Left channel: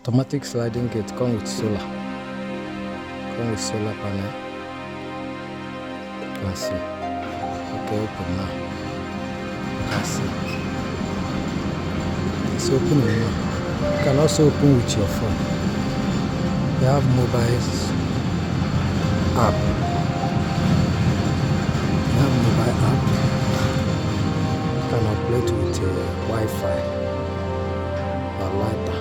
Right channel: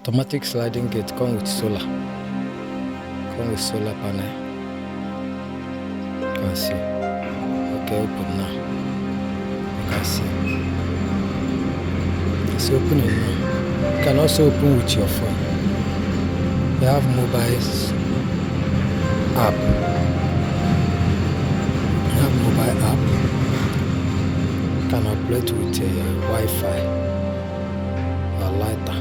Automatic sliding gate come with solar. Come with solar panel. You can see. Okay, open now. You can see. It's opening now. You can also open with your phone. You have mobile app. You have mobile app. You can operate with Wi-Fi or lighter.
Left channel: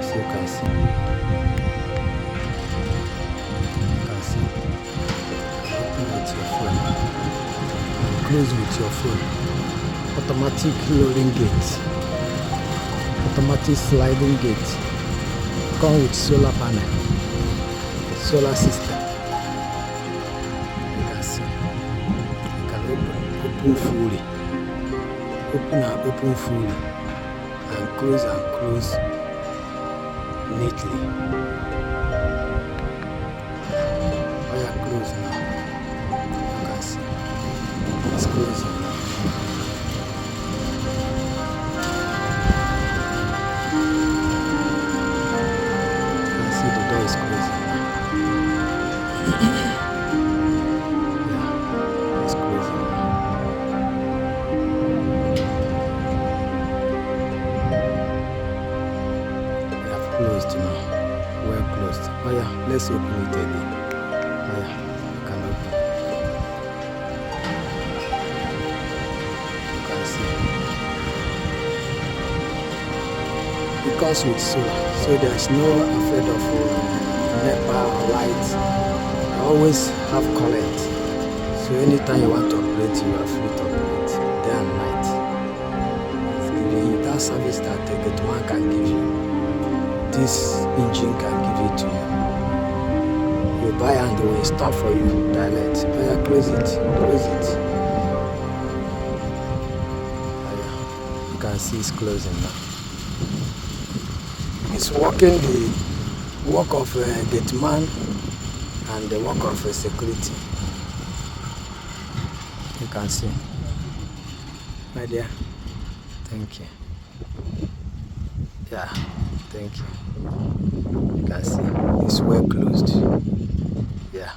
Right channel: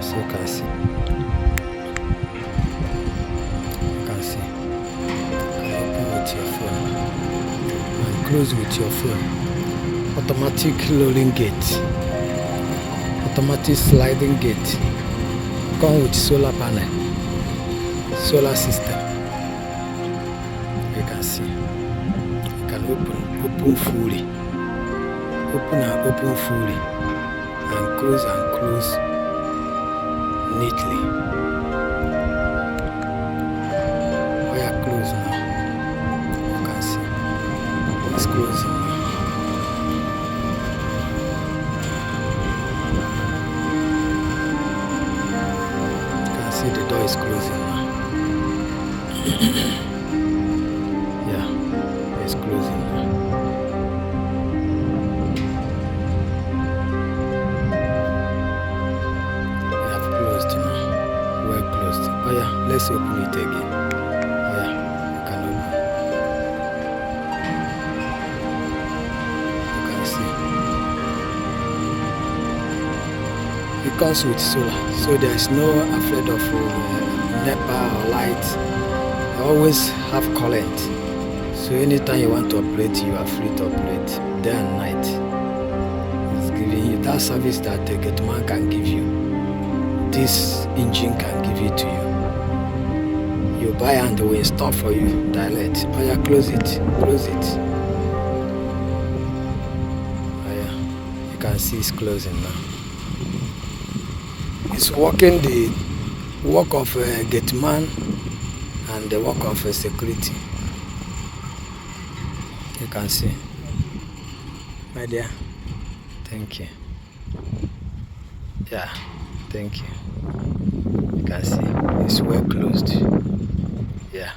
So you can see. You can see. You can open with your phone and close with your phone. Automatic rolling gate. Automatic sliding gate. Come with solar panel. Solar system. You can see. You can open fully. Open and open fully. And close neatly. Oh yeah, close now. You can see. It's closing now. You can see the door is closing now. Yeah, it's closing now. We have closed now. Well closed. Oh yeah, let's open it again. Oh yeah, you can open. You can see. It comes with solar, so there is no afraid of NEPA or light. You always have current. So anytime you want to operate, you are free to operate day and night. It's giving you that service that a gate man can give you. This engine can give it to you. You buy and they will install for you direct. Oh yeah, close it. Close it. Oh yeah, you can see it's closing now. It's working the work of a gate man and the work of a security. You can see. My dear, thank you. Yeah, thank you. You can see it's well closed. Yeah.